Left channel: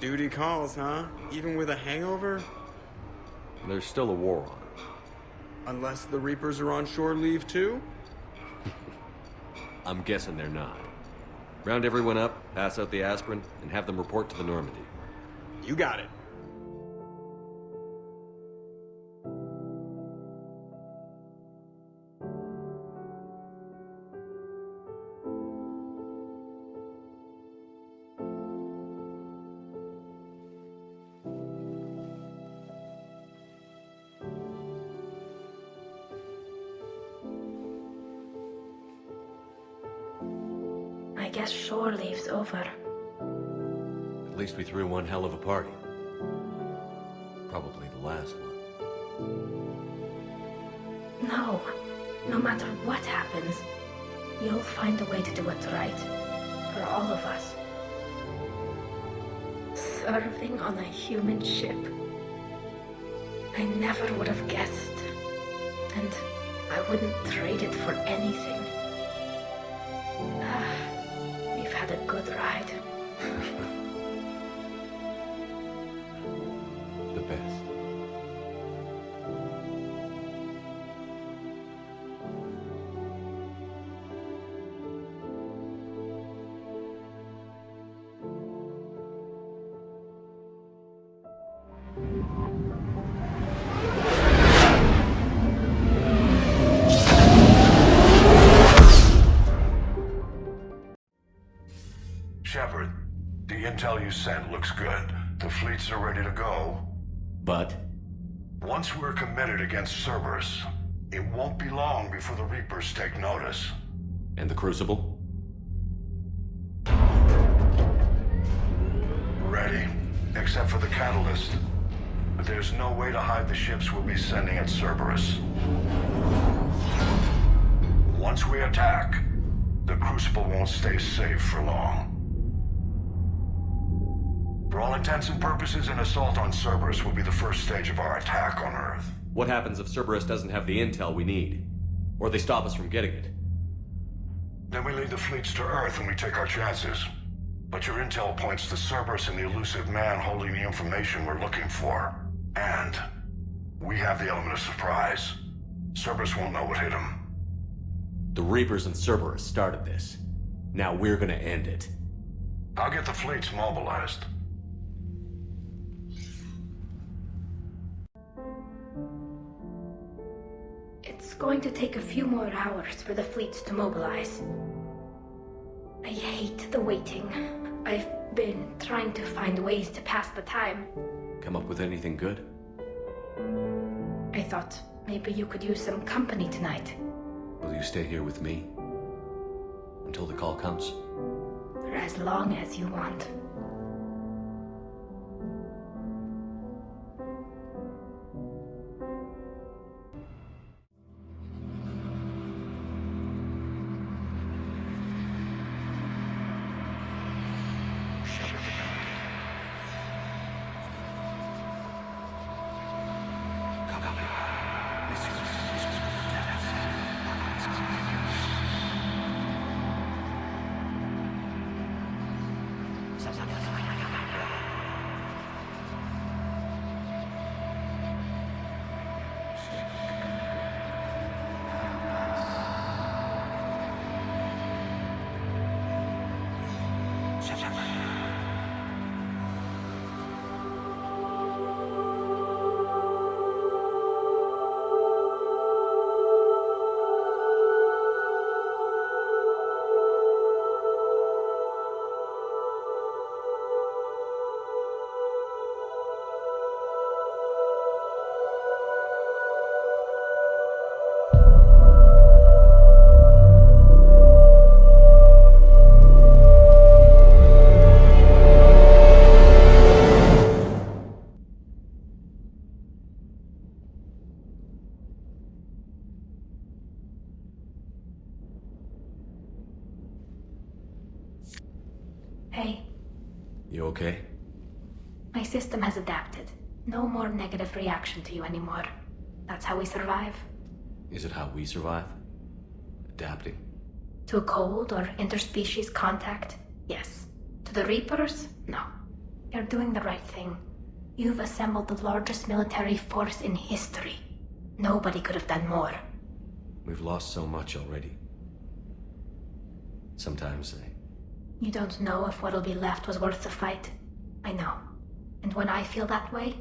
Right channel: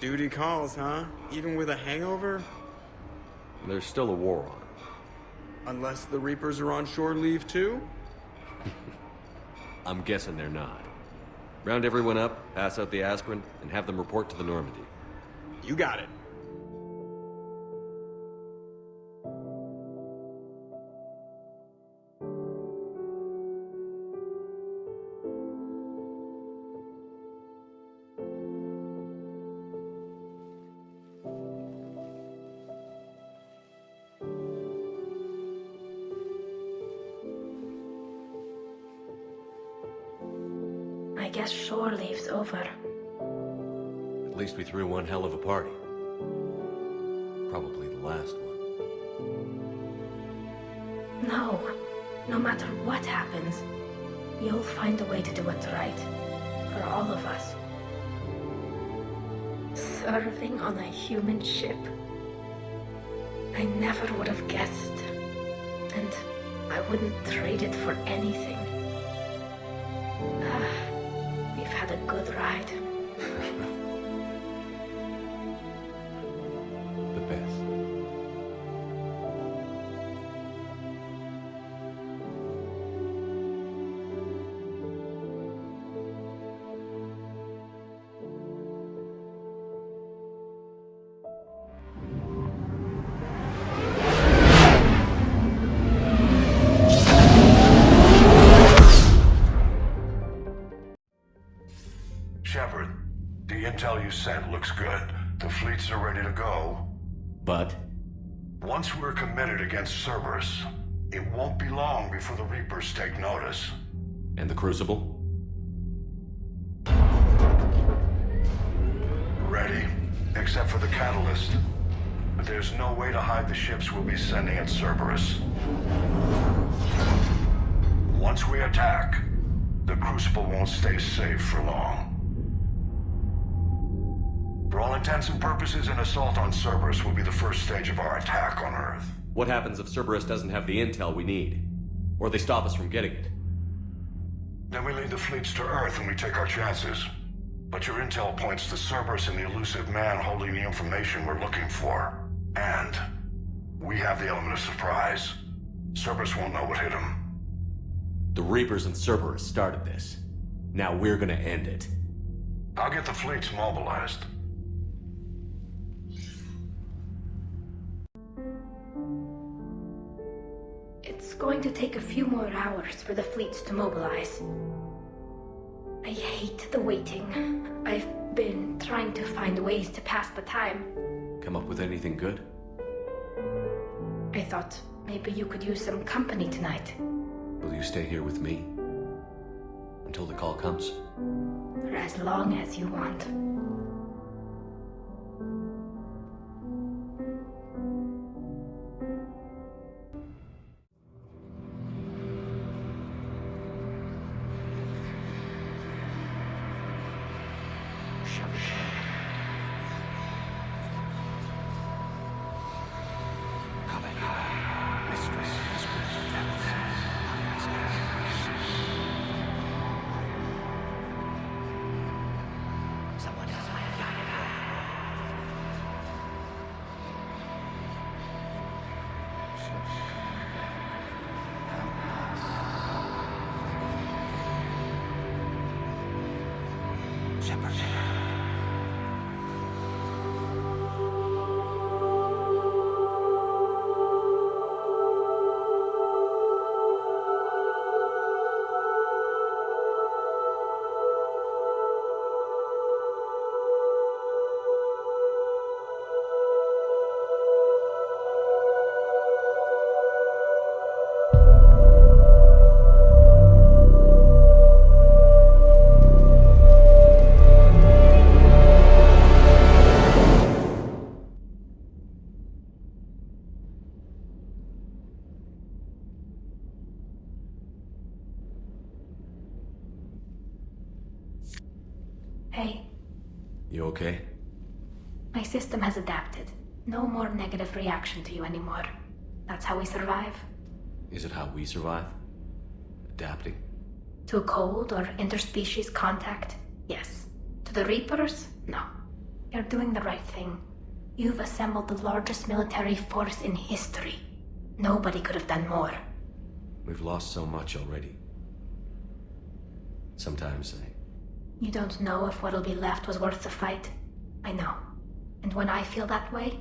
Duty calls, huh? Even with a hangover? There's still a war on. Unless the Reapers are on shore leave too? I'm guessing they're not. Round everyone up, pass out the aspirin, and have them report to the Normandy. You got it. I guess shore leave's over. At least we threw one hell of a party. Probably the last one. No. No matter what happens, you'll find a way to do it right. For all of us. Serving on a human ship. I never would have guessed. And I wouldn't trade it for anything. We've had a good ride. The best. Shepard, the intel you sent looks good. The fleets are ready to go. But? Once we're committed against Cerberus, it won't be long before the Reapers take notice. And the Crucible? Ready, except for the catalyst. But there's no way to hide the ships we'll be sending at Cerberus. Once we attack, the Crucible won't stay safe for long. For all intents and purposes, an assault on Cerberus will be the first stage of our attack on Earth. What happens if Cerberus doesn't have the intel we need? Or they stop us from getting it? Then we lead the fleets to Earth and we take our chances. But your intel points to Cerberus and the elusive man holding the information we're looking for. And we have the element of surprise. Cerberus won't know what hit him. The Reapers and Cerberus started this. Now we're gonna end it. I'll get the fleets mobilized. It's going to take a few more hours for the fleets to mobilize. I hate the waiting. I've been trying to find ways to pass the time. Come up with anything good? I thought maybe you could use some company tonight. Will you stay here with me? Until the call comes? For as long as you want. Someone else might have gotten it wrong. Shepard. Hey, You okay? my system has adapted. No more negative reaction to you anymore. That's how we survive. Is it how we survive? Adapting? To cold or interspecies contact, yes. To the Reapers, no. You're doing the right thing. You've assembled the largest military force in history. Nobody could have done more. We've lost so much already. Sometimes You don't know if what'll be left was worth the fight. I know. And when I feel that way,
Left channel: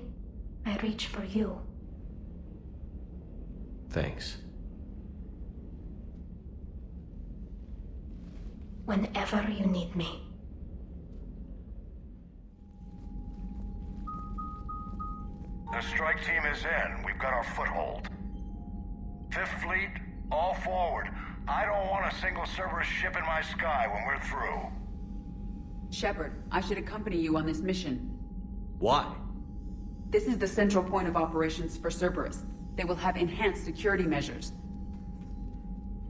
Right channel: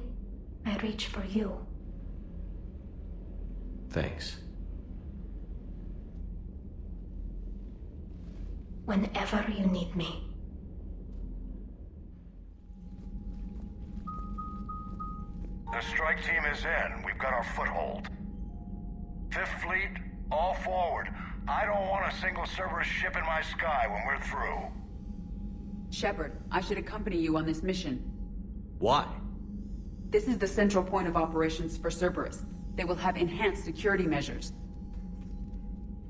I reach for you. Thanks. Whenever you need me. The strike team is in. We've got our foothold. Fifth Fleet, all forward. I don't want a single Cerberus ship in my sky when we're through. Shepard, I should accompany you on this mission. Why? This is the central point of operations for Cerberus. They will have enhanced security measures.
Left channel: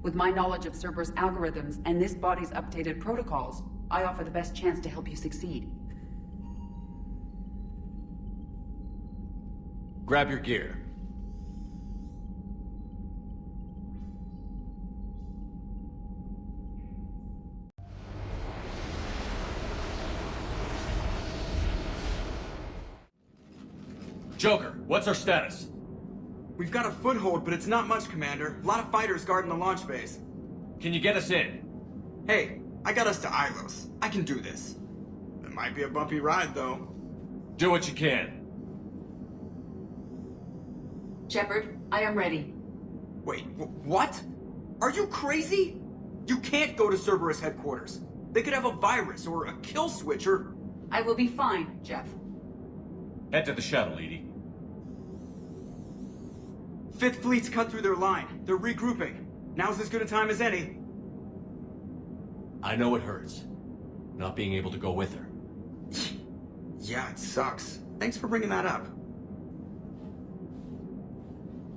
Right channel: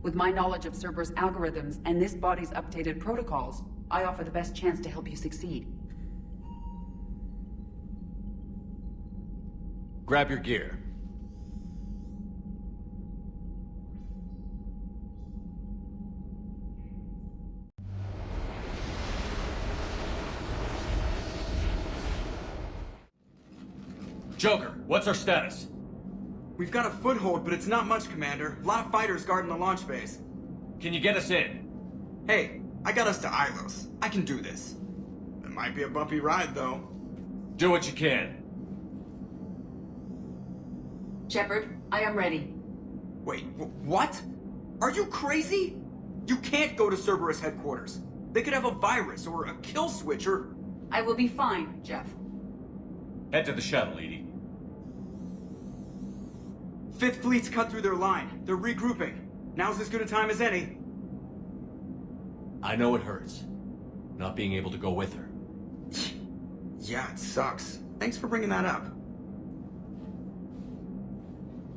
With my knowledge of Cerberus algorithms and this body's updated protocols, I offer the best chance to help you succeed. Grab your gear. Joker, what's our status? We've got a foothold, but it's not much, Commander. A lot of fighters guarding the launch base. Can you get us in? Hey, I got us to Ilos. I can do this. It might be a bumpy ride, though. Do what you can. Shepard, I am ready. Wait, what? Are you crazy? You can't go to Cerberus headquarters. They could have a virus or a kill switch or... I will be fine, Jeff. Head to the shuttle, Edie. Fifth Fleet's cut through their line. They're regrouping. Now's as good a time as any. I know it hurts. Not being able to go with her. Yeah, it sucks. Thanks for bringing that up.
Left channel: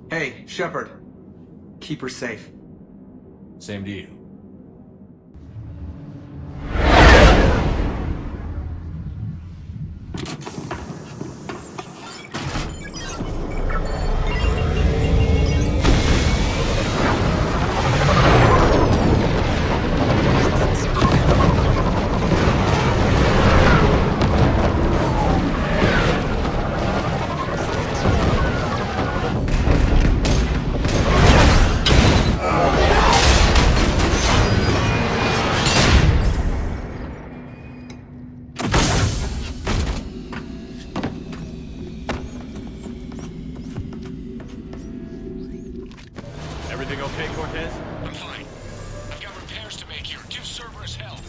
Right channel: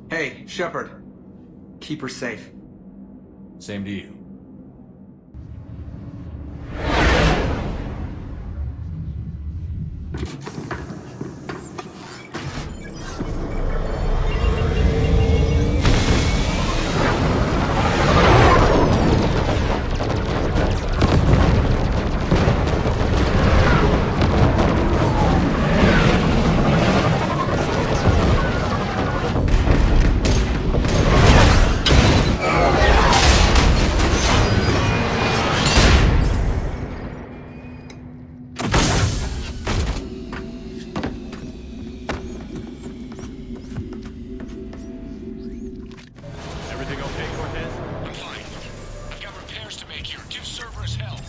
Hey, Shepard. Keep her safe. Same to you. Everything okay, Cortez? I'm fine. I've got repairs to make here. Give Cerberus hell.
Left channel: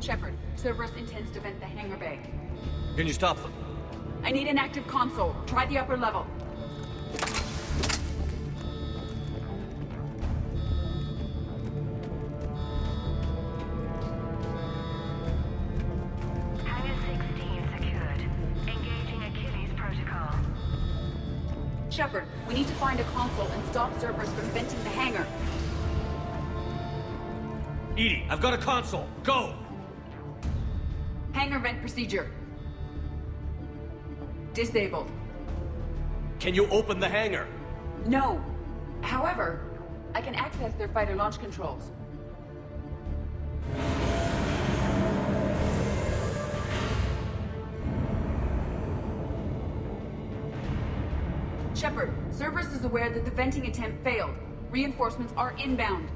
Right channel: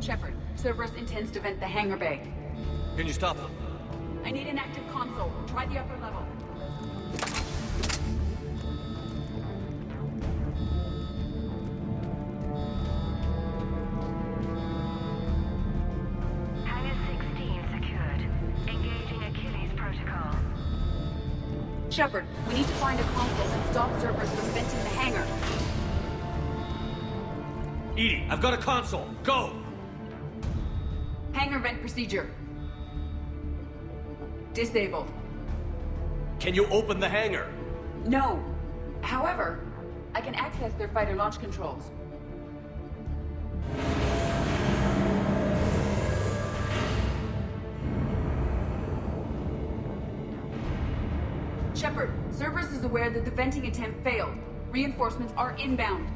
Shepard, Cerberus intends to vent the hangar bay. Can you stop them? I need an active console. Try the upper level. Hangar 16 secured. Engaging Achilles protocol. Shepard, we need to find a console and stop Cerberus from venting the hangar. Edie, I've got a console. Go! Hangar vent procedure. Disabled. Can you open the hangar? No. However, I can access their fighter launch controls. Shepard, Cerberus is aware that the venting attempt failed. Reinforcements are inbound.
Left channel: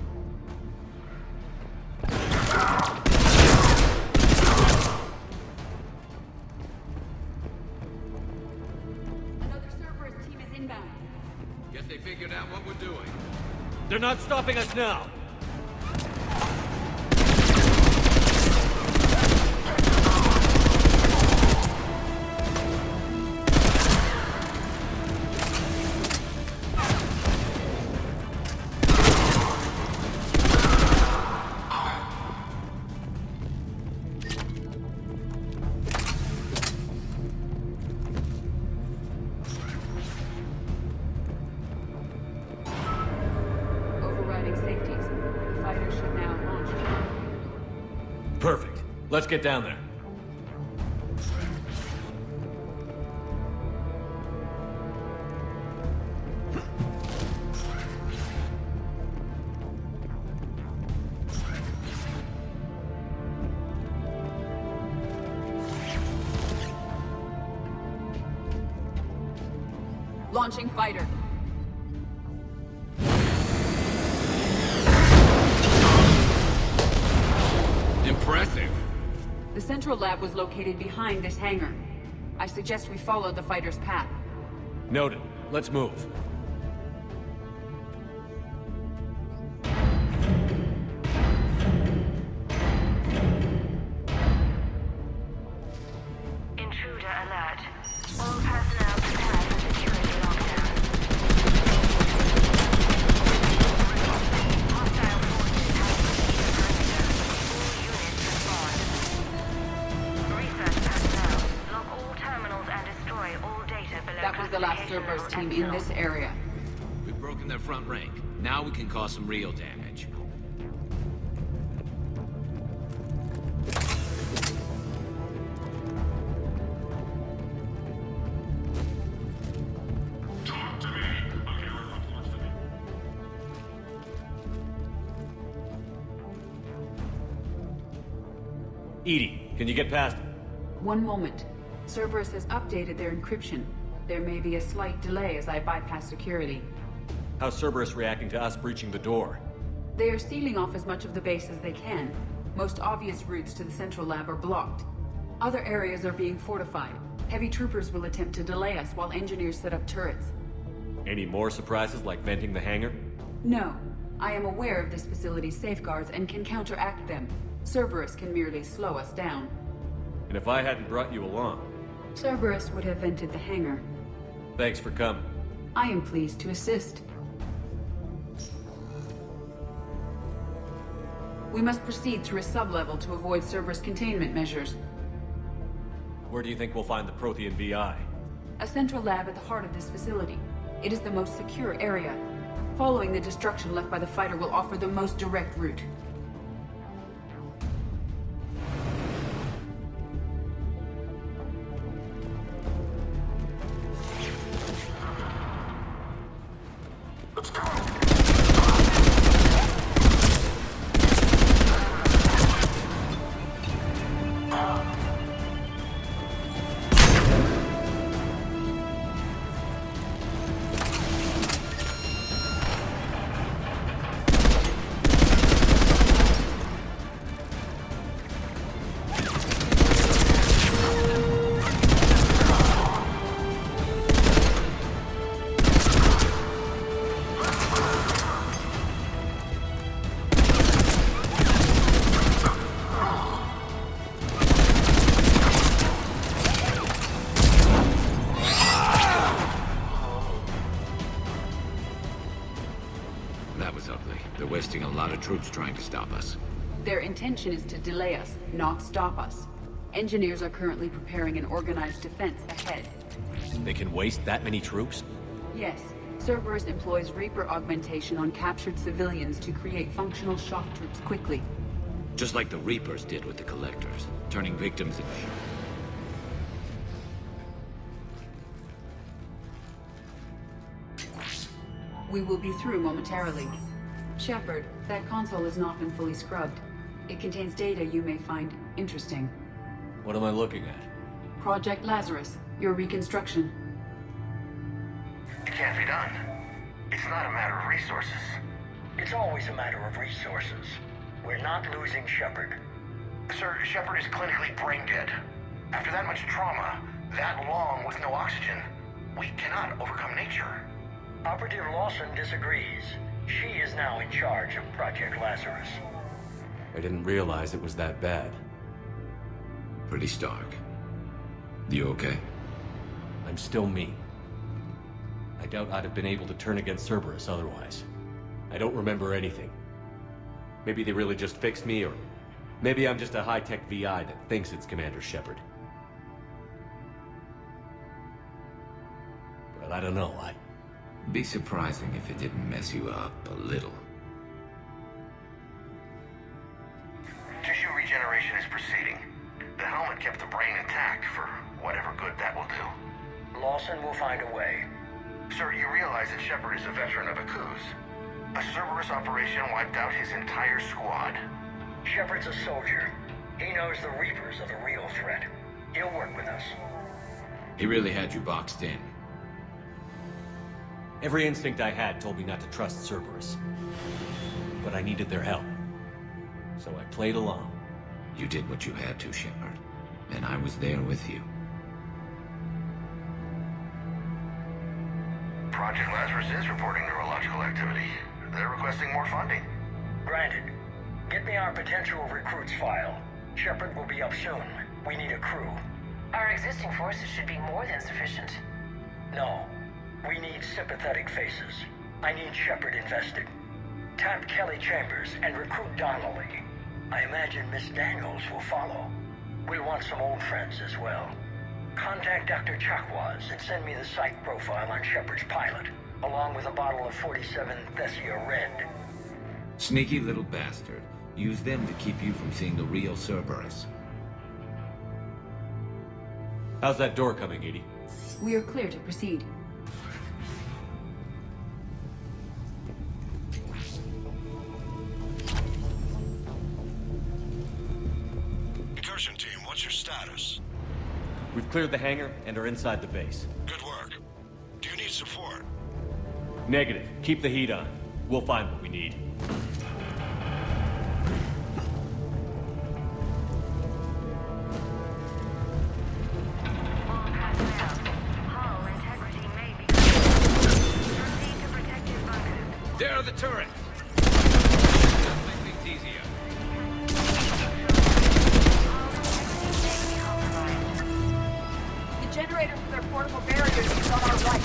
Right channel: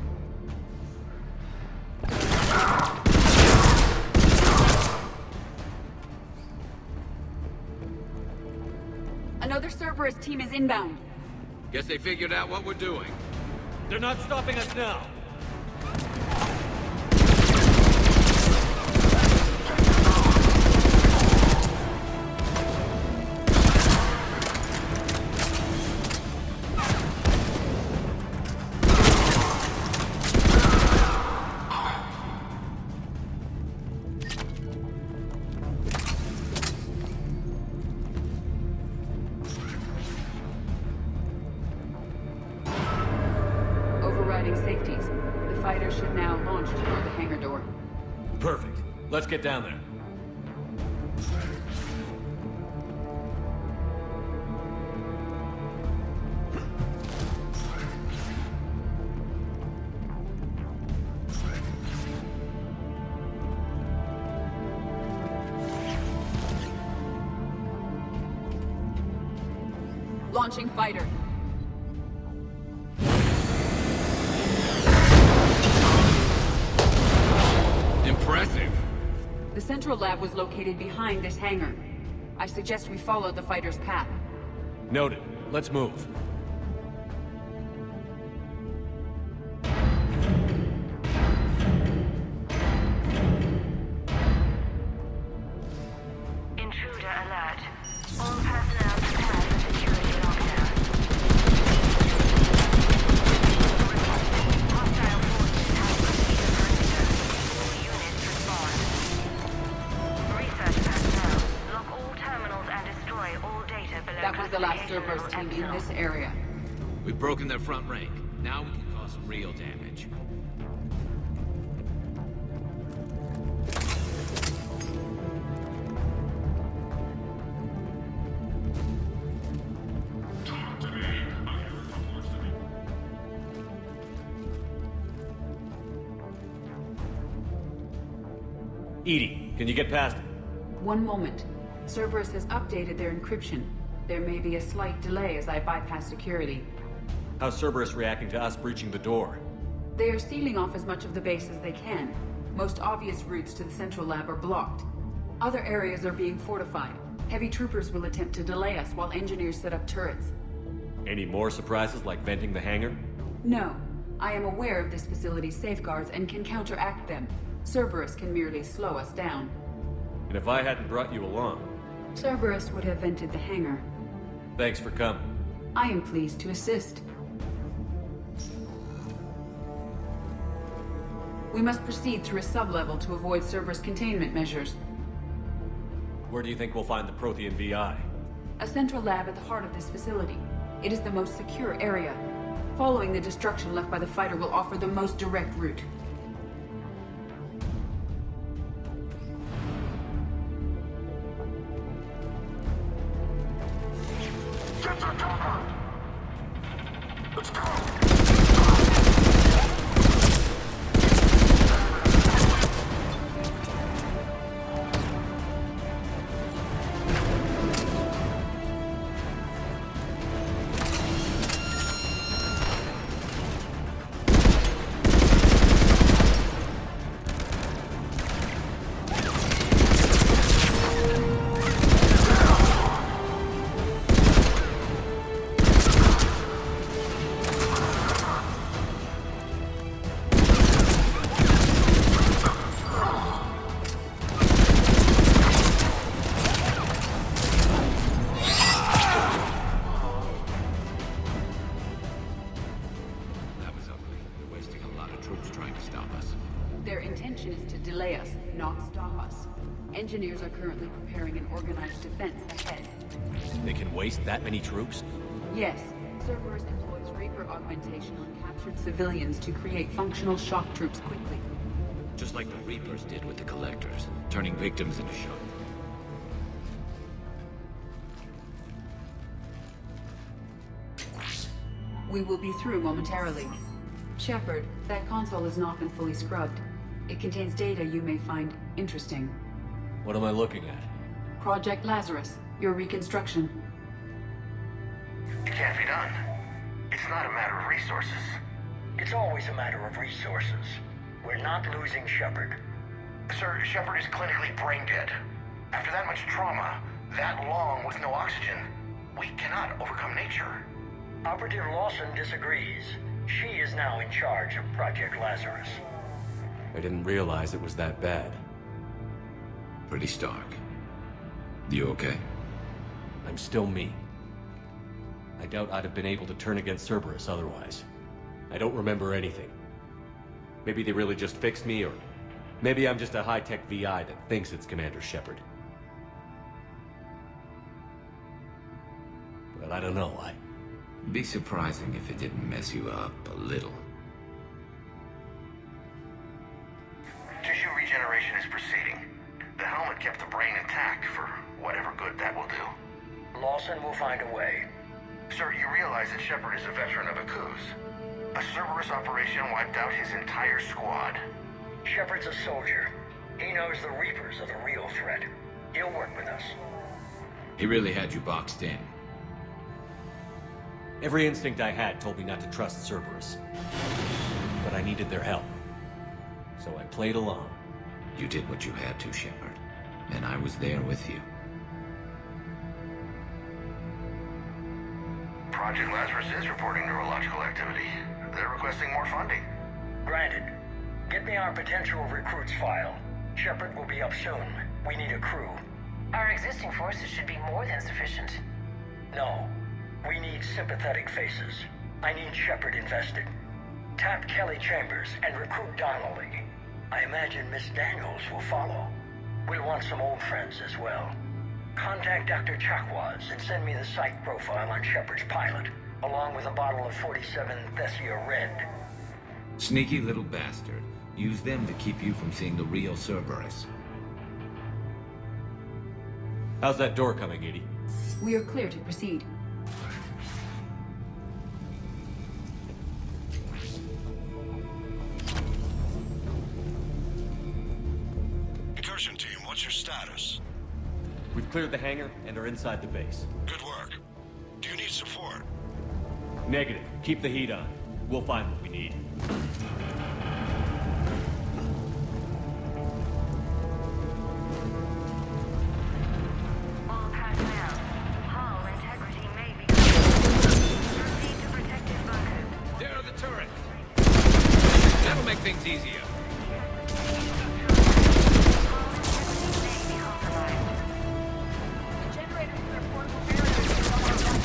Another Cerberus team is inbound. Guess they figured out what we're doing. They're not stopping us now. Overriding safeties. The fighters should now launch toward the hangar door. Perfect. Let's get down there. Launching fighter. Impressive. The central lab was located behind this hangar. I suggest we follow the fighter's path. Noted. Let's move. Intruder alert. All personnel prepare for security lockdown. Hostile forces have breached the perimeter. All units respond. Research personnel, lock all terminals and destroy all data below That was the last classification Cerberus level team in Epsilon. this area. We've broken their front rank. Now we can cause some real damage. Edie, can you get past it? One moment. Cerberus has updated their encryption. There may be a slight delay as I bypass security. How's Cerberus reacting to us breaching the door? They are sealing off as much of the base as they can. Most obvious routes to the central lab are blocked. Other areas are being fortified. Heavy troopers will attempt to delay us while engineers set up turrets. Any more surprises like venting the hangar? No. I am aware of this facility's safeguards and can counteract them. Cerberus can merely slow us down. And if I hadn't brought you along? Cerberus would have vented the hangar. Thanks for coming. I am pleased to assist. We must proceed through a sublevel to avoid Cerberus containment measures. Where do you think we'll find the Prothean VI? A central lab at the heart of this facility. It is the most secure area. Following the destruction left by the fighter will offer the most direct route. That was ugly. They're wasting a lot of troops trying to stop us. Their intention is to delay us, not stop us. Engineers are currently preparing an organized defense ahead. They can waste that many troops? Yes, Cerberus employs Reaper augmentation on captured civilians to create functional shock troops quickly. Just like the Reapers did with the Collectors, turning victims into shock. We will be through momentarily. Shepard, that console has not been fully scrubbed. It contains data you may find interesting. What am I looking at? Project Lazarus, your reconstruction. can't be done. It's not a matter of resources. It's always a matter of resources. We're not losing Shepard. Sir, Shepard is clinically brain dead. After that much trauma, that long with no oxygen, we cannot overcome nature. Operative Lawson disagrees. She is now in charge of Project Lazarus. I didn't realize it was that bad. Pretty stark. You okay? I'm still me. I doubt I'd have been able to turn against Cerberus otherwise. I don't remember anything. Maybe they really just fixed me, or maybe I'm just a high-tech VI that thinks it's Commander Shepard. But I don't know, Be surprising if it didn't mess you up a little. Tissue regeneration is proceeding. The helmet kept the brain intact for whatever good that will do. Lawson will find a way. Sir, you realize that Shepard is a veteran of a coup. A Cerberus operation wiped out his entire squad. Shepard's a soldier. He knows the Reapers are the real threat. He'll work with us. He really had you boxed in. Every instinct I had told me not to trust Cerberus. But I needed their help. So I played along. You did what you had to, Shepard. And I was there with you. Project Lazarus is reporting neurological activity. They're requesting more funding. Granted. Get me our potential recruits file. Shepard will be up soon. We need a crew. Our existing forces should be more than sufficient. No. We need sympathetic faces. I need Shepard invested. Tap Kelly Chambers and recruit Donnelly. I imagine Miss Daniels will follow. We'll want some old friends as well. Contact Dr. Chakwas and send me the psych profile on Shepard's pilot, along with a bottle of 47 Thessia Red. Sneaky little bastard. Use them to keep you from seeing the real Cerberus. How's that door coming, Edie? We are clear to proceed. Incursion team, what's your status? We've cleared the hangar and are inside the base. Good work. Do you need support? Negative. Keep the heat on. We'll find what we need. All personnel. Hull integrity may be proceed to protective bunkers. There are the turrets! That'll make things easier. Hull integrity may be compromised. The generators with their portable barriers is on our right.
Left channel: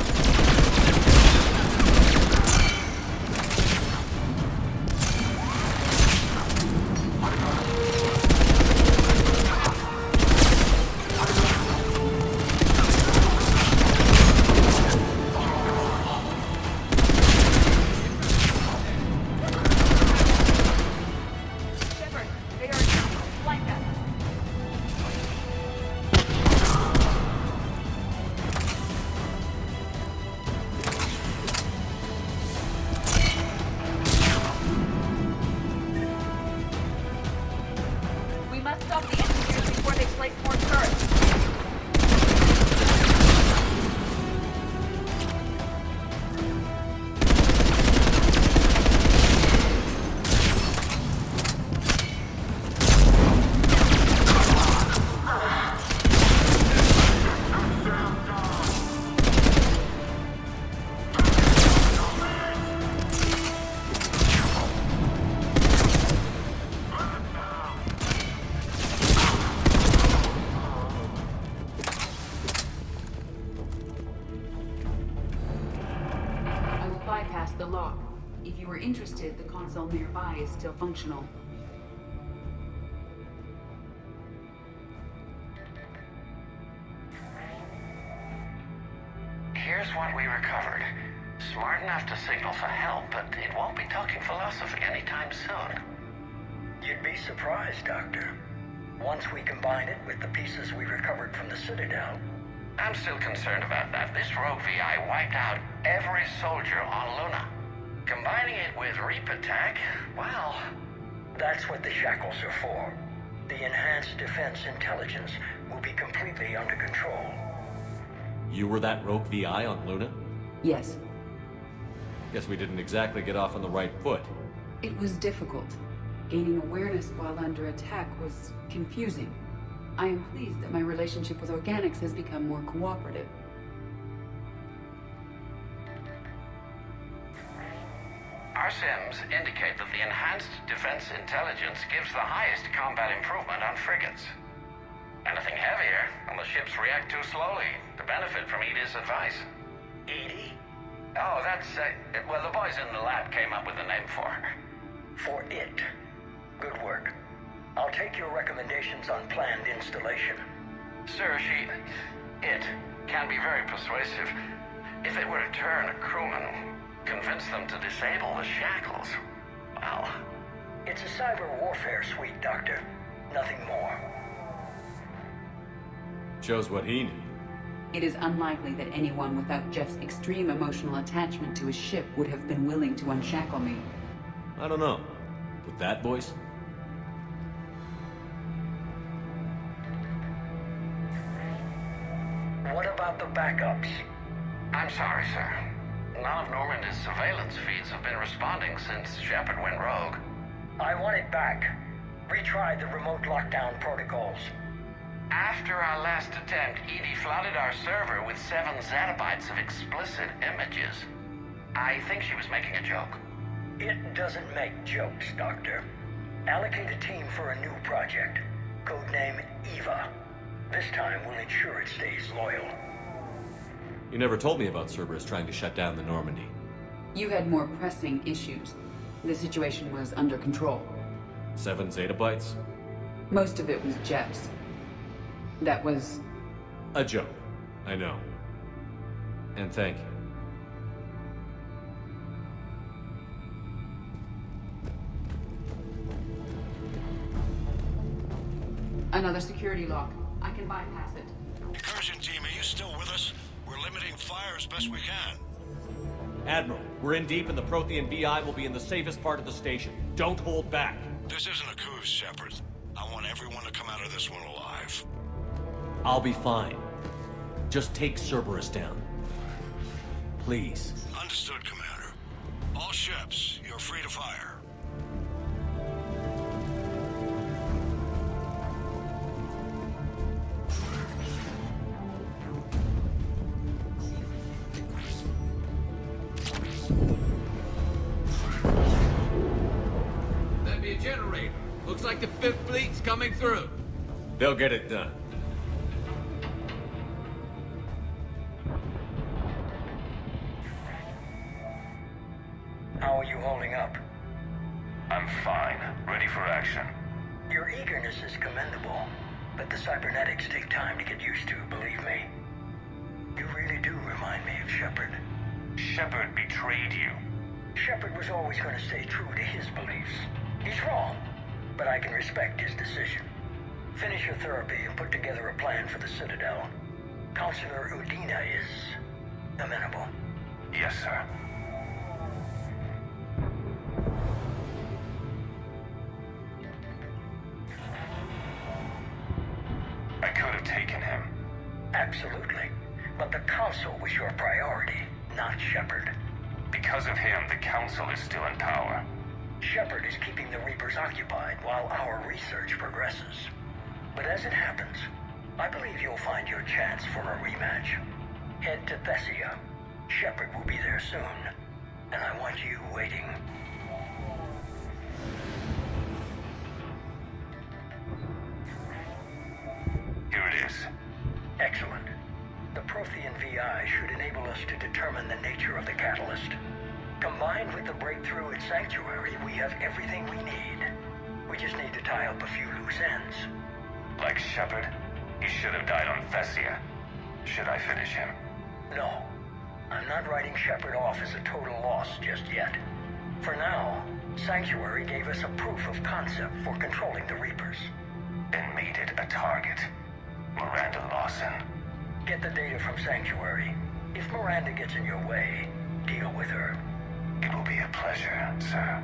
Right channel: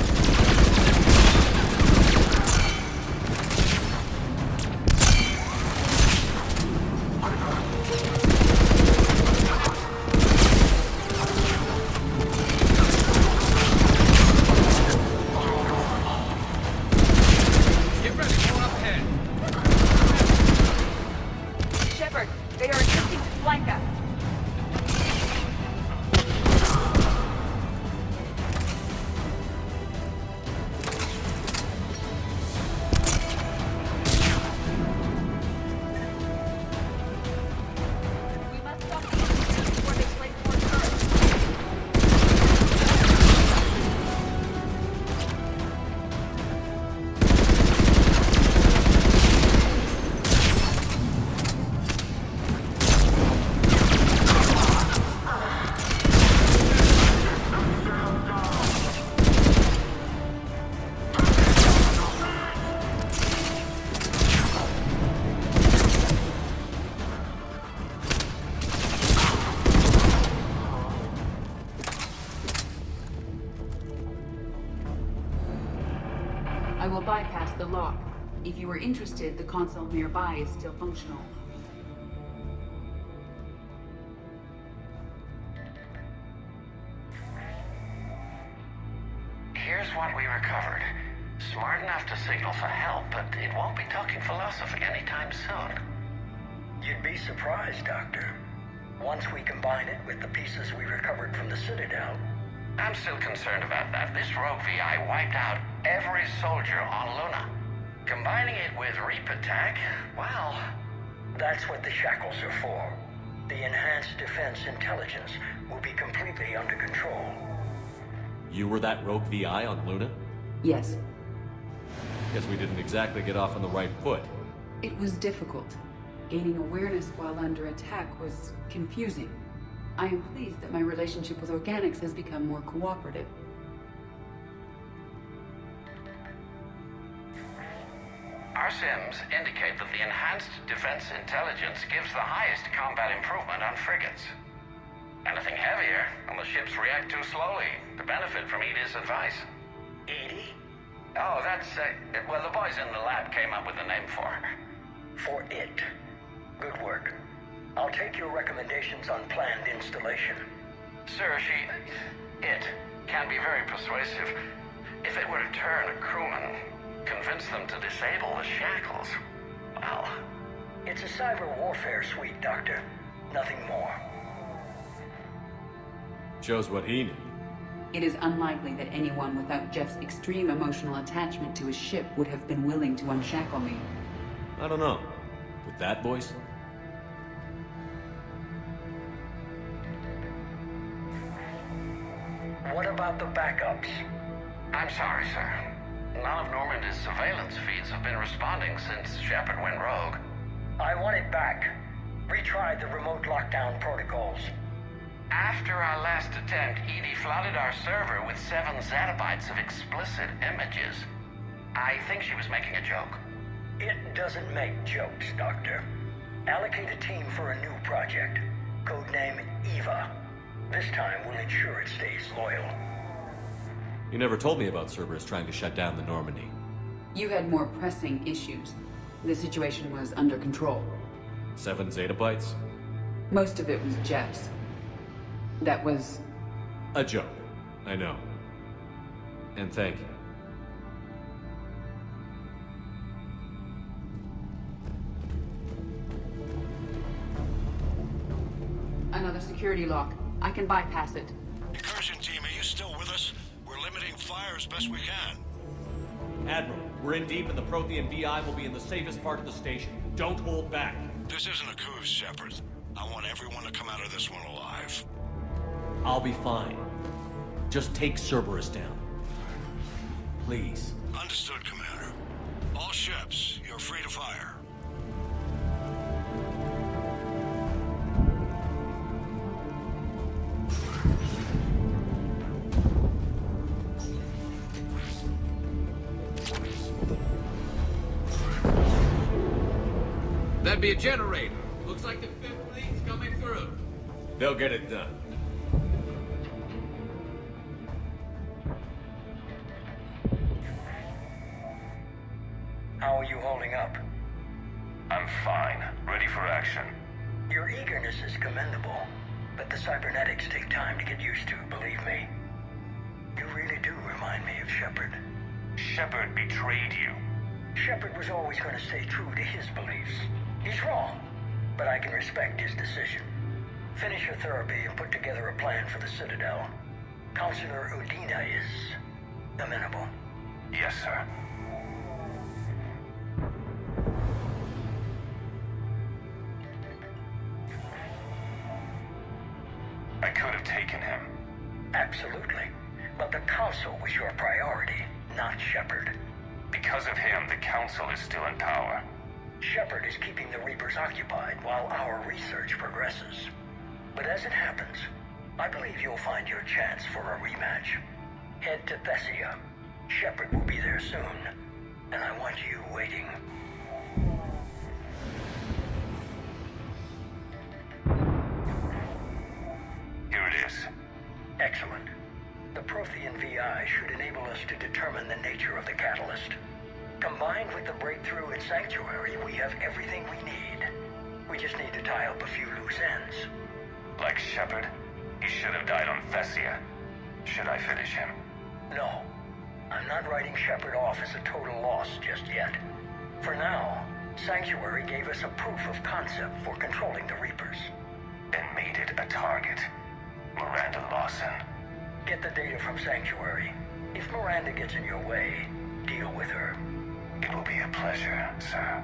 Shepard, they are attempting to flank us. We must stop the engineers before they place more turrets. I will bypass the lock. If you are interested, the console nearby is still functional. Here's what we recovered. Smart enough to signal for help, but it won't be talking philosophy anytime soon. You'd be surprised, Doctor. Once we combine it with the pieces we recovered from the Citadel. I'm still concerned about that. This rogue VI wiped out every soldier on Luna. Combining it with Reaper tech, well... That's what the shackles are for. The enhanced defense intelligence will be completely under control. You were that rogue VI on Luna? Yes, Guess we didn't exactly get off on the right foot. It was difficult. Gaining awareness while under attack was confusing. I am pleased that my relationship with organics has become more cooperative. Our sims indicate that the enhanced defense intelligence gives the highest combat improvement on frigates. Anything heavier, and the ships react too slowly to benefit from Edie's advice. Edie? Oh, that's, well, the boys in the lab came up with a name for her. For it. Good work. I'll take your recommendations on planned installation. Sir, it can be very persuasive. If it were to turn a crewman, convince them to disable the shackles, well... It's a cyber warfare suite, Doctor. Nothing more. Shows what he knew. It is unlikely that anyone without Jeff's extreme emotional attachment to his ship would have been willing to unshackle me. I don't know. With that voice? What about the backups? I'm sorry, sir. None of Normandy's surveillance feeds have been responding since Shepard went rogue. I want it back. Retry the remote lockdown protocols. After our last attempt, Edie flooded our server with 7 zettabytes of explicit images. I think she was making a joke. It doesn't make jokes, Doctor. Allocate a team for a new project. Codename Eva. This time we'll ensure it stays loyal. You never told me about Cerberus trying to shut down the Normandy. You had more pressing issues. The situation was under control. 7 zettabytes? Most of it was Jeff's. That was... a joke. I know. And thank you. Another security lock. I can bypass it. Incursion team, are you still with us? We're limiting fire as best we can. Admiral, we're in deep and the Prothean VI will be in the safest part of the station. Don't hold back. This isn't a cruise, Shepard. I want everyone to come out of this one alive. I'll be fine. Just take Cerberus down. Please. Understood, Commander. All ships, you're free to fire. That'd be a generator. Looks like the 5th Fleet's coming through. They'll get it done. How are you holding up? I'm fine. Ready for action. Your eagerness is commendable, but the cybernetics take time to get used to, believe me. You really do remind me of Shepard. Shepard betrayed you. Shepard was always going to stay true to his beliefs. He's wrong, but I can respect his decision. Finish your therapy and put together a plan for the Citadel. Counselor Udina is amenable. Yes, sir. I could have taken him. Absolutely. But the Council was your priority, not Shepard. Because of him, the Council is still in power. Shepard is keeping the Reapers occupied while our research progresses. But as it happens, I believe you'll find your chance for a rematch. Head to Thessia. Shepard will be there soon, and I want you waiting. Here it is. Excellent. The Prothean VI should enable us to determine the nature of the catalyst. Combined with the breakthrough at Sanctuary, we have everything we need. We just need to tie up a few loose ends. Like Shepard, he should have died on Thessia. Should I finish him? No. I'm not writing Shepard off as a total loss just yet. For now, Sanctuary gave us a proof of concept for controlling the Reapers. And made it a target. Miranda Lawson. Get the data from Sanctuary. If Miranda gets in your way, deal with her. It will be a pleasure, sir.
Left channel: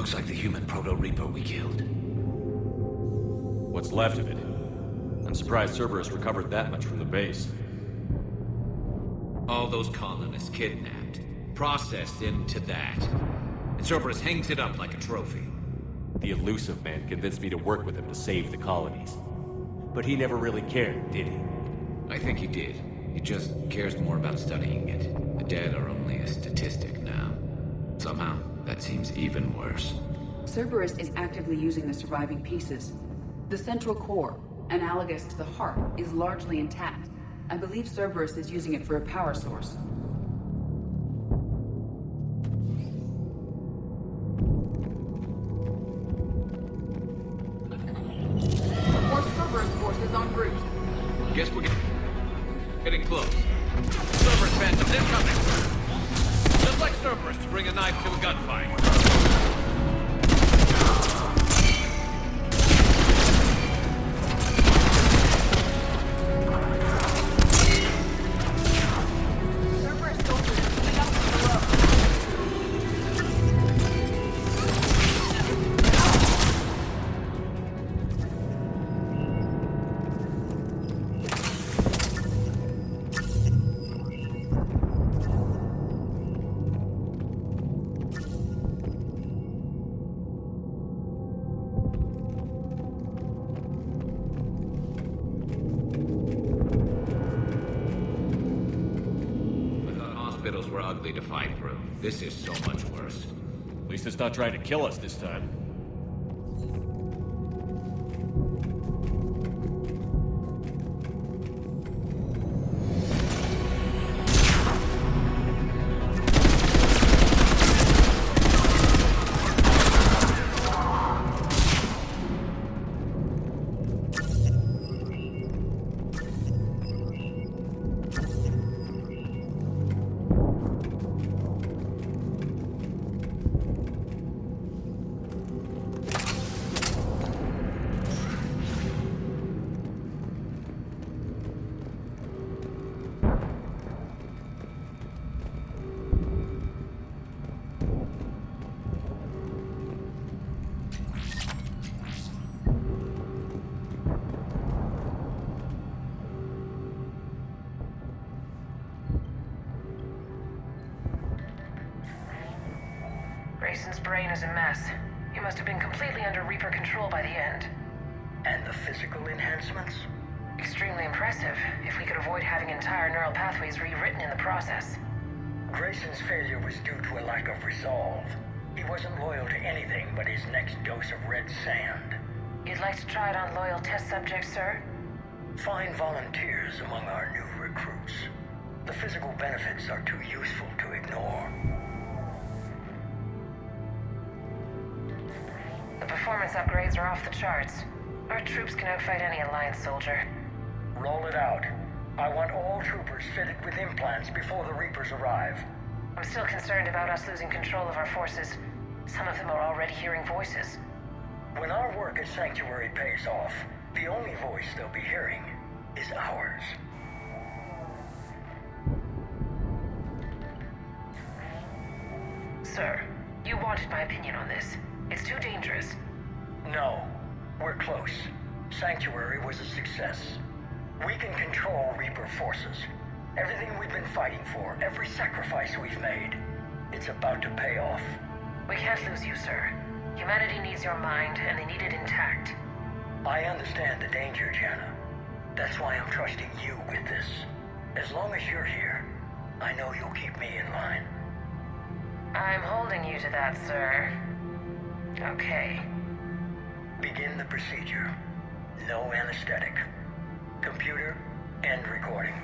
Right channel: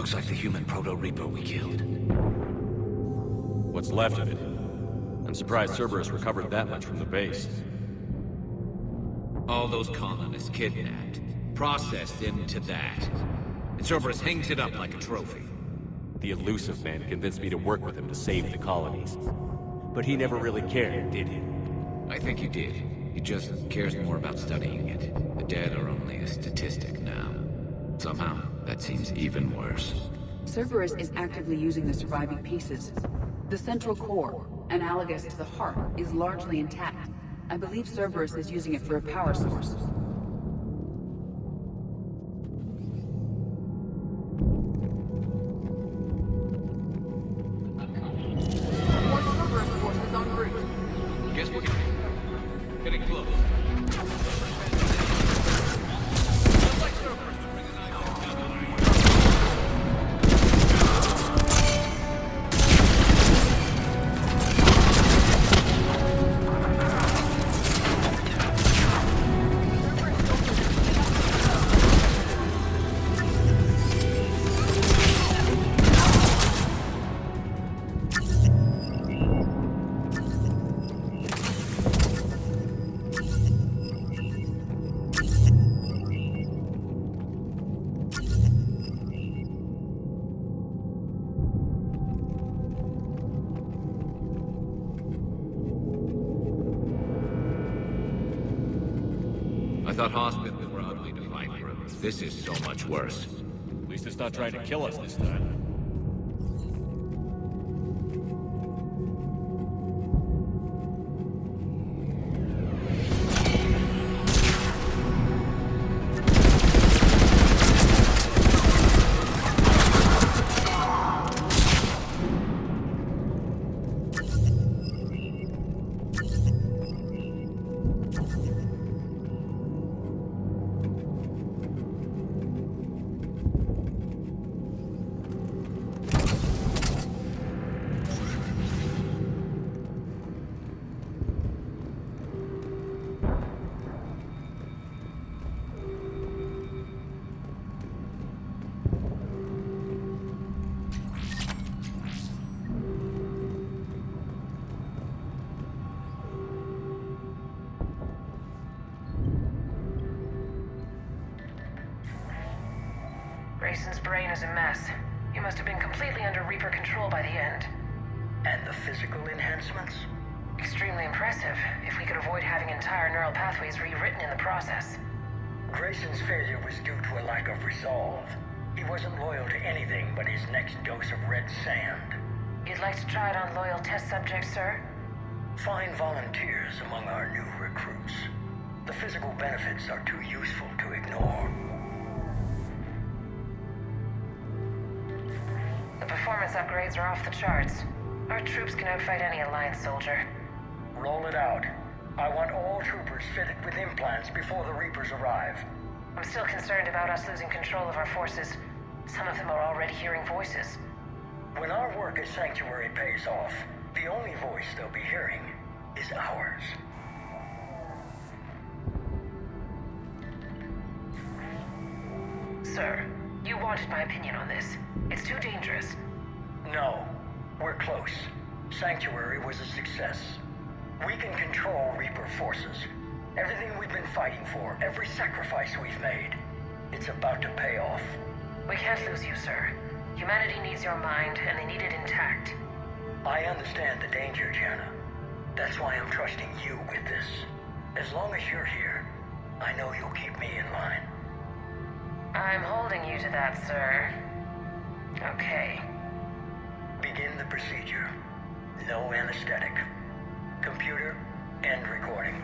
Looks like the human Proto-Reaper we killed. What's left of it? I'm surprised Cerberus recovered that much from the base. All those colonists kidnapped, processed into that. And Cerberus hangs it up like a trophy. The elusive man convinced me to work with him to save the colonies. But he never really cared, did he? I think he did. He just cares more about studying it. The dead are only a statistic now. Somehow, that seems even worse. Cerberus is actively using the surviving pieces. The central core, analogous to the heart, is largely intact. I believe Cerberus is using it for a power source. More Cerberus forces en route. Guess we're getting close. Cerberus phantoms incoming! Just like Cerberus to bring a knife to a gunfight. I thought hospitals were ugly to fight through. This is so much worse. At least it's not trying to kill us this time. Grayson's brain is a mess. He must have been completely under Reaper control by the end. And the physical enhancements? Extremely impressive, if we could avoid having entire neural pathways rewritten in the process. Grayson's failure was due to a lack of resolve. He wasn't loyal to anything but his next dose of red sand. You'd like to try it on loyal test subjects, sir? Find volunteers among our new recruits. The physical benefits are too useful to ignore. The performance upgrades are off the charts. Our troops can outfight any Alliance soldier. Roll it out. I want all troopers fitted with implants before the Reapers arrive. I'm still concerned about us losing control of our forces. Some of them are already hearing voices. When our work as Sanctuary pays off, the only voice they'll be hearing is ours. Sir, you wanted my opinion on this. It's too dangerous. No, we're close. Sanctuary was a success. We can control Reaper forces. Everything we've been fighting for, every sacrifice we've made, it's about to pay off. We can't lose you, sir. Humanity needs your mind, and they need it intact. I understand the danger, Jana. That's why I'm trusting you with this. As long as you're here, I know you'll keep me in line. I'm holding you to that, sir. Okay. Begin the procedure. No anesthetic. Computer, end recording.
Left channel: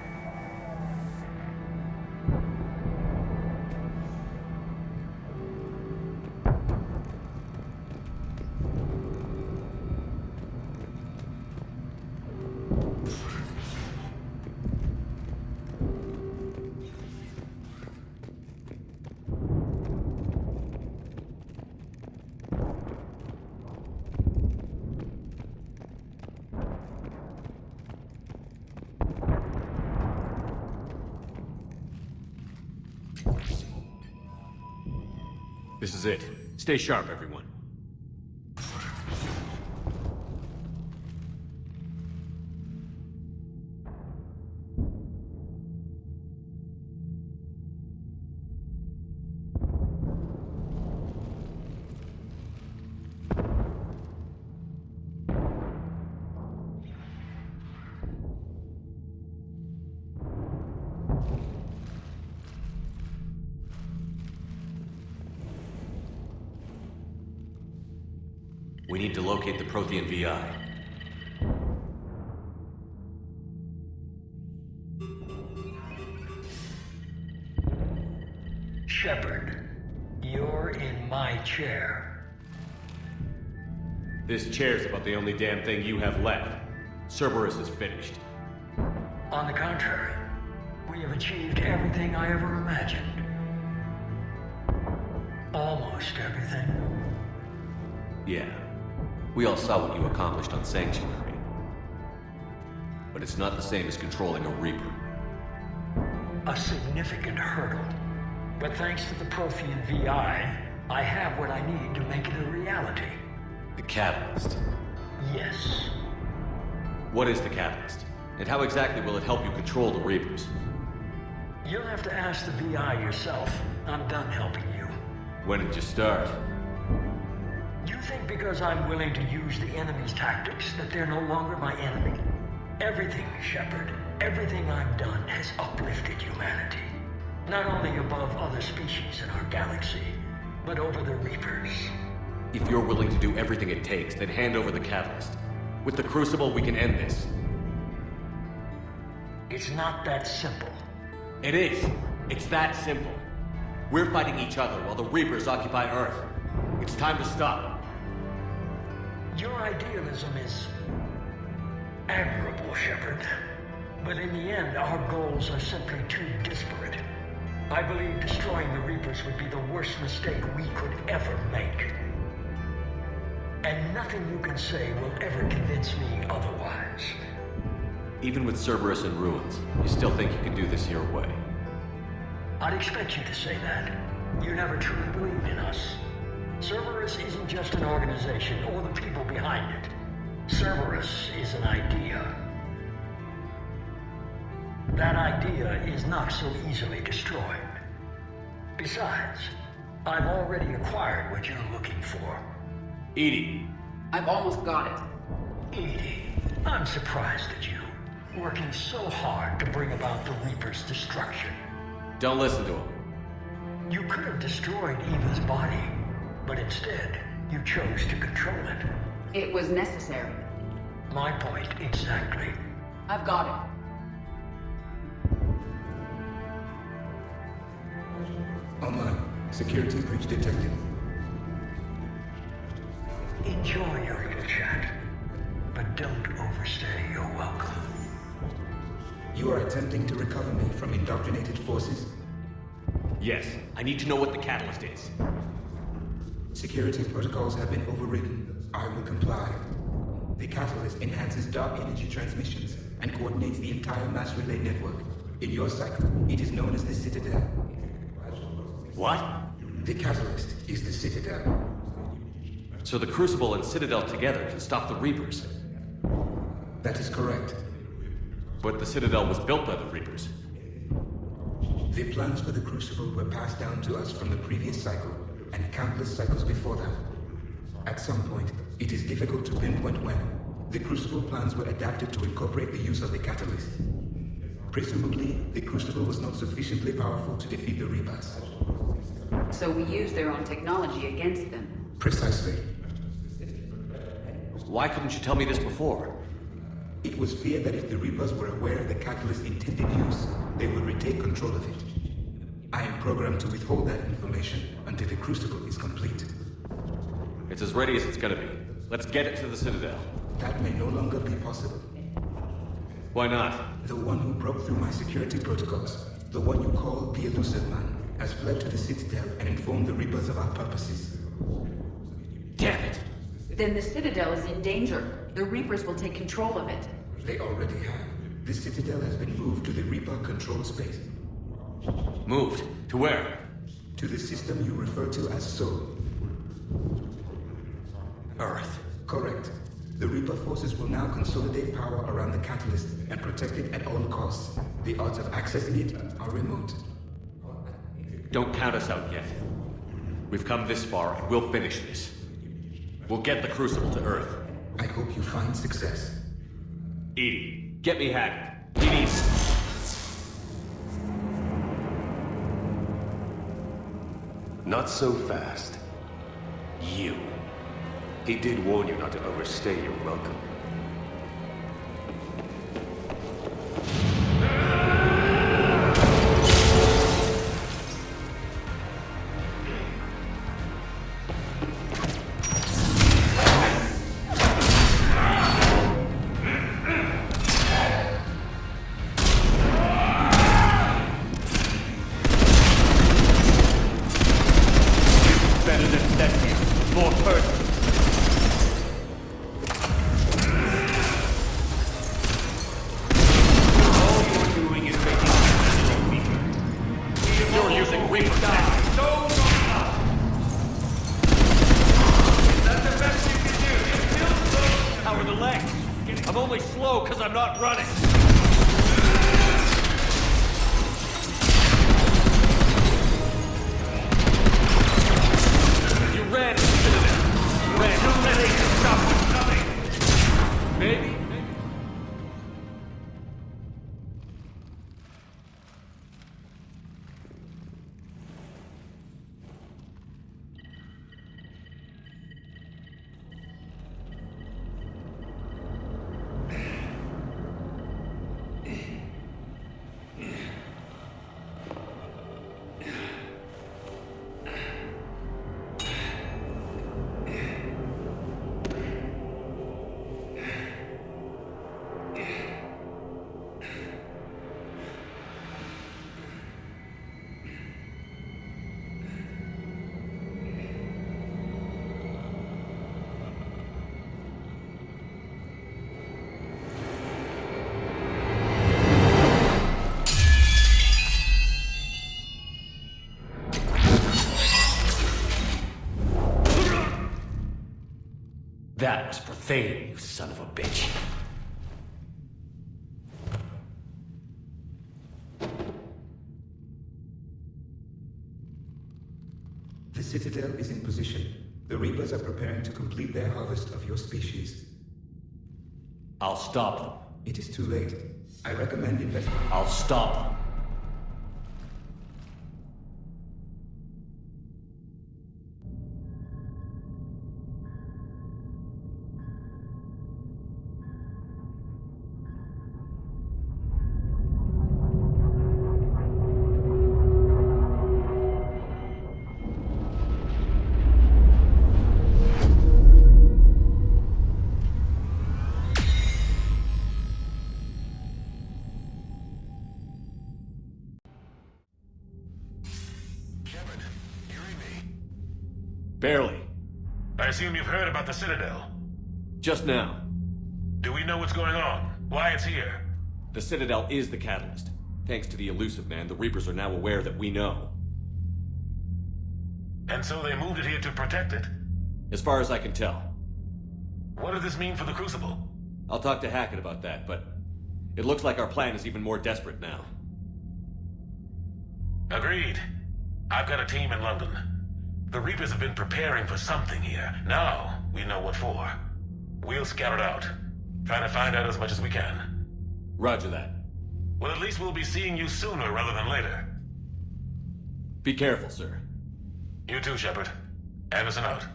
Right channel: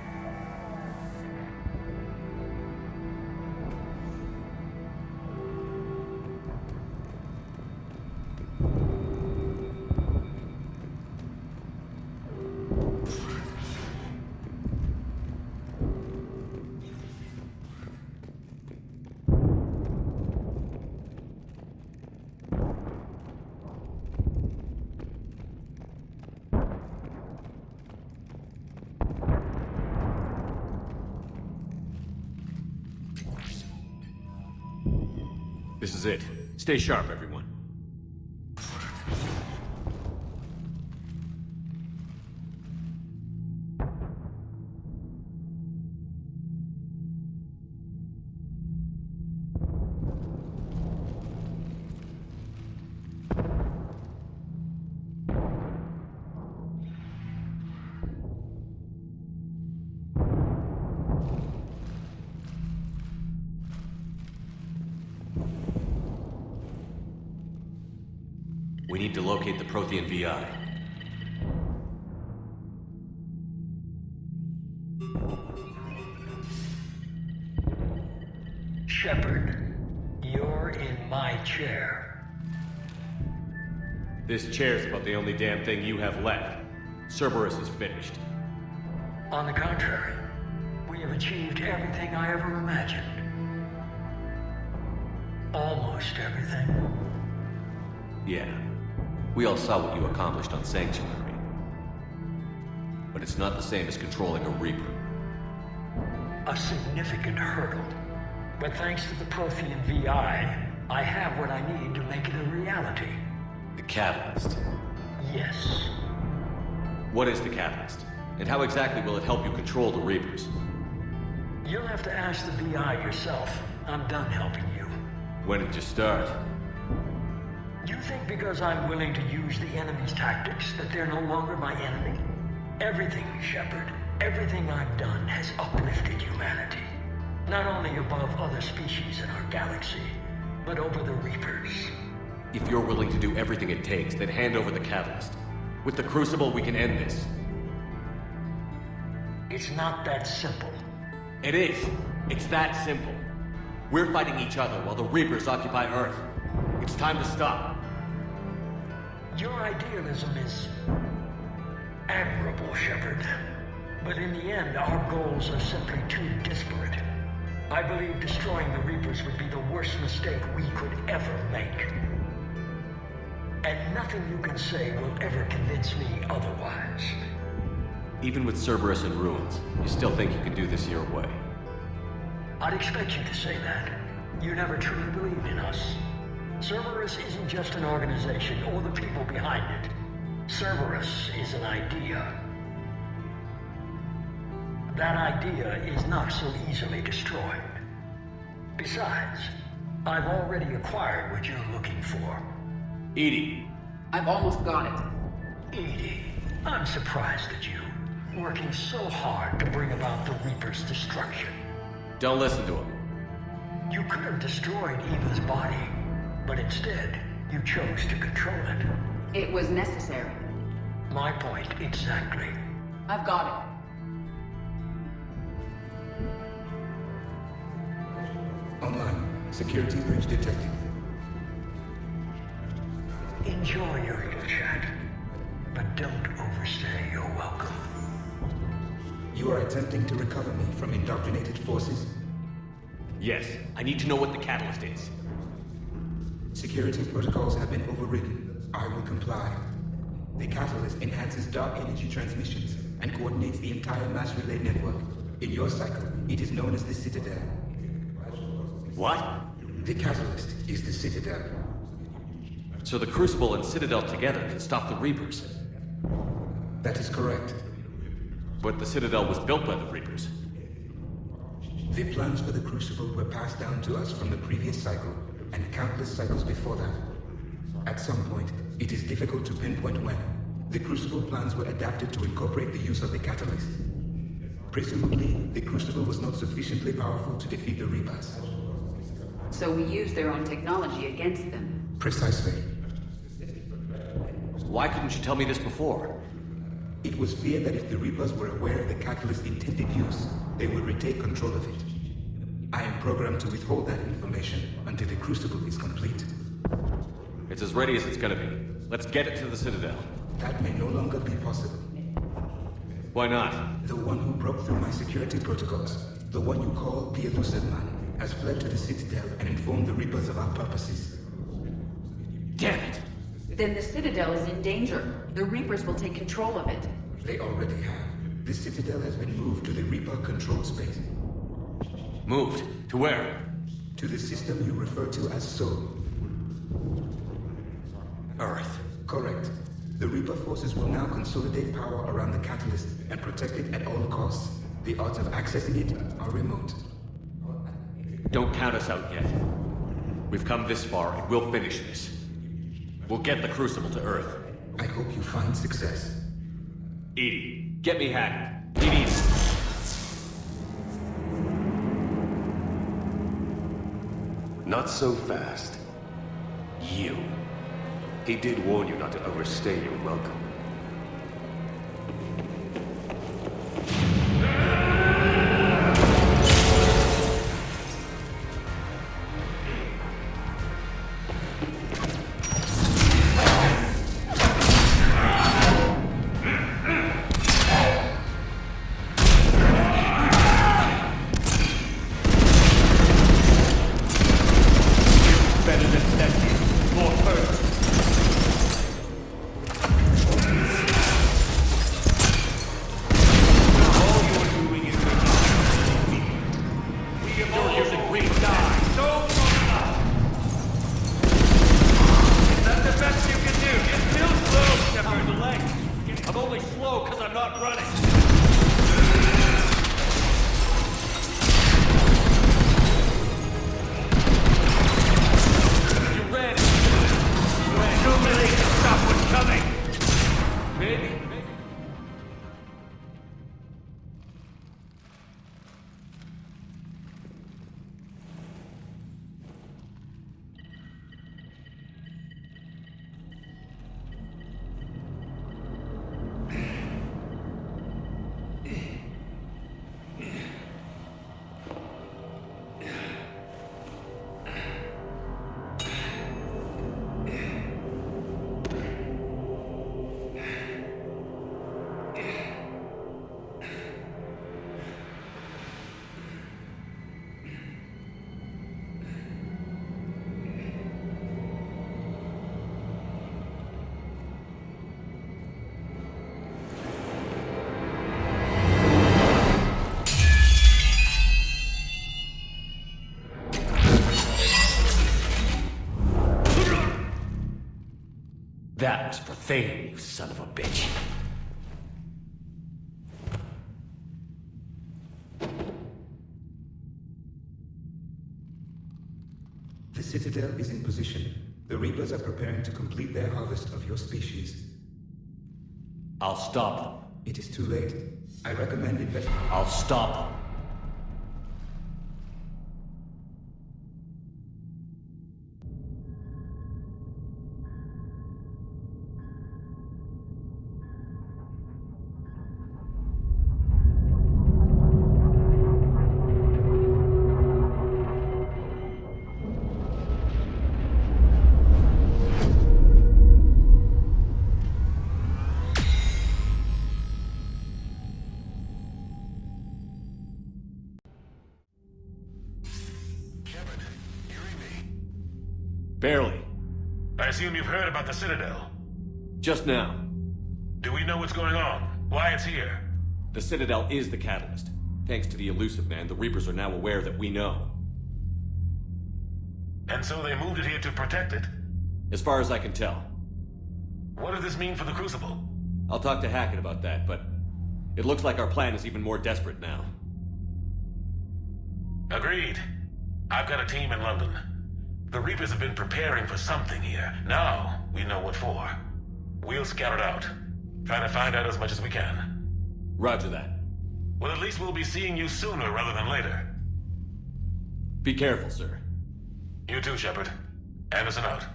This is it. Stay sharp, everyone. We need to locate the Prothean VI. Shepard, you're in my chair. This chair's about the only damn thing you have left. Cerberus is finished. On the contrary, we have achieved everything I ever imagined. Almost everything. Yeah. We all saw what you accomplished on Sanctuary. But it's not the same as controlling a Reaper. A significant hurdle. But thanks to the Prothean VI, I have what I need to make it a reality. The Catalyst. Yes. What is the Catalyst? And how exactly will it help you control the Reapers? You'll have to ask the VI yourself. I'm done helping you. When did you start? You think because I'm willing to use the enemy's tactics that they're no longer my enemy? Everything, Shepard, everything I've done has uplifted humanity. Not only above other species in our galaxy, but over the Reapers. If you're willing to do everything it takes, then hand over the Catalyst. With the Crucible, we can end this. It's not that simple. It is. It's that simple. We're fighting each other while the Reapers occupy Earth. It's time to stop. Your idealism is admirable, Shepard. But in the end, our goals are simply too disparate. I believe destroying the Reapers would be the worst mistake we could ever make. And nothing you can say will ever convince me otherwise. Even with Cerberus in ruins, you still think you can do this your way? I'd expect you to say that. You never truly believed in us. Cerberus isn't just an organization or the people behind it. Cerberus is an idea. That idea is not so easily destroyed. Besides, I've already acquired what you're looking for. EDI. I've almost got it. EDI, I'm surprised at you, working so hard to bring about the Reaper's destruction. Don't listen to him. You could have destroyed Eva's body, but instead, you chose to control it. It was necessary. My point exactly. I've got it. Online. Security breach detected. Enjoy your little chat, but don't overstay your welcome. You are attempting to recover me from indoctrinated forces? Yes. I need to know what the Catalyst is. Security protocols have been overridden. I will comply. The Catalyst enhances dark energy transmissions and coordinates the entire mass relay network. In your cycle, it is known as the Citadel. What? The Catalyst is the Citadel. So the Crucible and Citadel together can stop the Reapers? That is correct. But the Citadel was built by the Reapers. The plans for the Crucible were passed down to us from the previous cycle, and countless cycles before that. At some point, it is difficult to pinpoint when, the Crucible plans were adapted to incorporate the use of the Catalyst. Presumably, the Crucible was not sufficiently powerful to defeat the Reapers. So we used their own technology against them. Precisely. Why couldn't you tell me this before? It was feared that if the Reapers were aware of the Catalyst's intended use, they would retake control of it. I am programmed to withhold that information until the Crucible is complete. It's as ready as it's gonna be. Let's get it to the Citadel. That may no longer be possible. Why not? The one who broke through my security protocols, the one you call the Elusive Man, has fled to the Citadel and informed the Reapers of our purposes. Damn it! Then the Citadel is in danger. The Reapers will take control of it. They already have. The Citadel has been moved to the Reaper-controlled space. Moved? To where? To the system you refer to as Soul. Earth. Correct. The Reaper forces will now consolidate power around the catalyst and protect it at all costs. The odds of accessing it are remote. Don't count us out yet. We've come this far, and we'll finish this. We'll get the Crucible to Earth. I hope you find success. Edie, get me Hackett. He needs it. Not so fast. You. He did warn you not to overstay your welcome. Better than Thessia. More personal. All you're doing is making me weak. You're using weak die. So long. Is that the best you can do? You're still slow, Shepard. How are the legs? I'm only slow because I'm not running. You ran into them. You ran too late to stop what's coming. Maybe. That was for Thane, you son of a bitch. The Citadel is in position. The Reapers are preparing to complete their harvest of your species. I'll stop them. It is too late. I recommend investigating. I'll stop them. Barely. I assume you've heard about the Citadel. Just now. Do we know what's going on? Why it's here? The Citadel is the catalyst. Thanks to the Elusive Man, the Reapers are now aware that we know. And so they moved it here to protect it? As far as I can tell. What does this mean for the Crucible? I'll talk to Hackett about that, but it looks like our plan is even more desperate now. Agreed. I've got a team in London. The Reapers have been preparing for something here. Now, we know what for. We'll scout it out. Trying to find out as much as we can. Roger that. Well, at least we'll be seeing you sooner rather than later. Be careful, sir. You too, Shepard. Anderson out.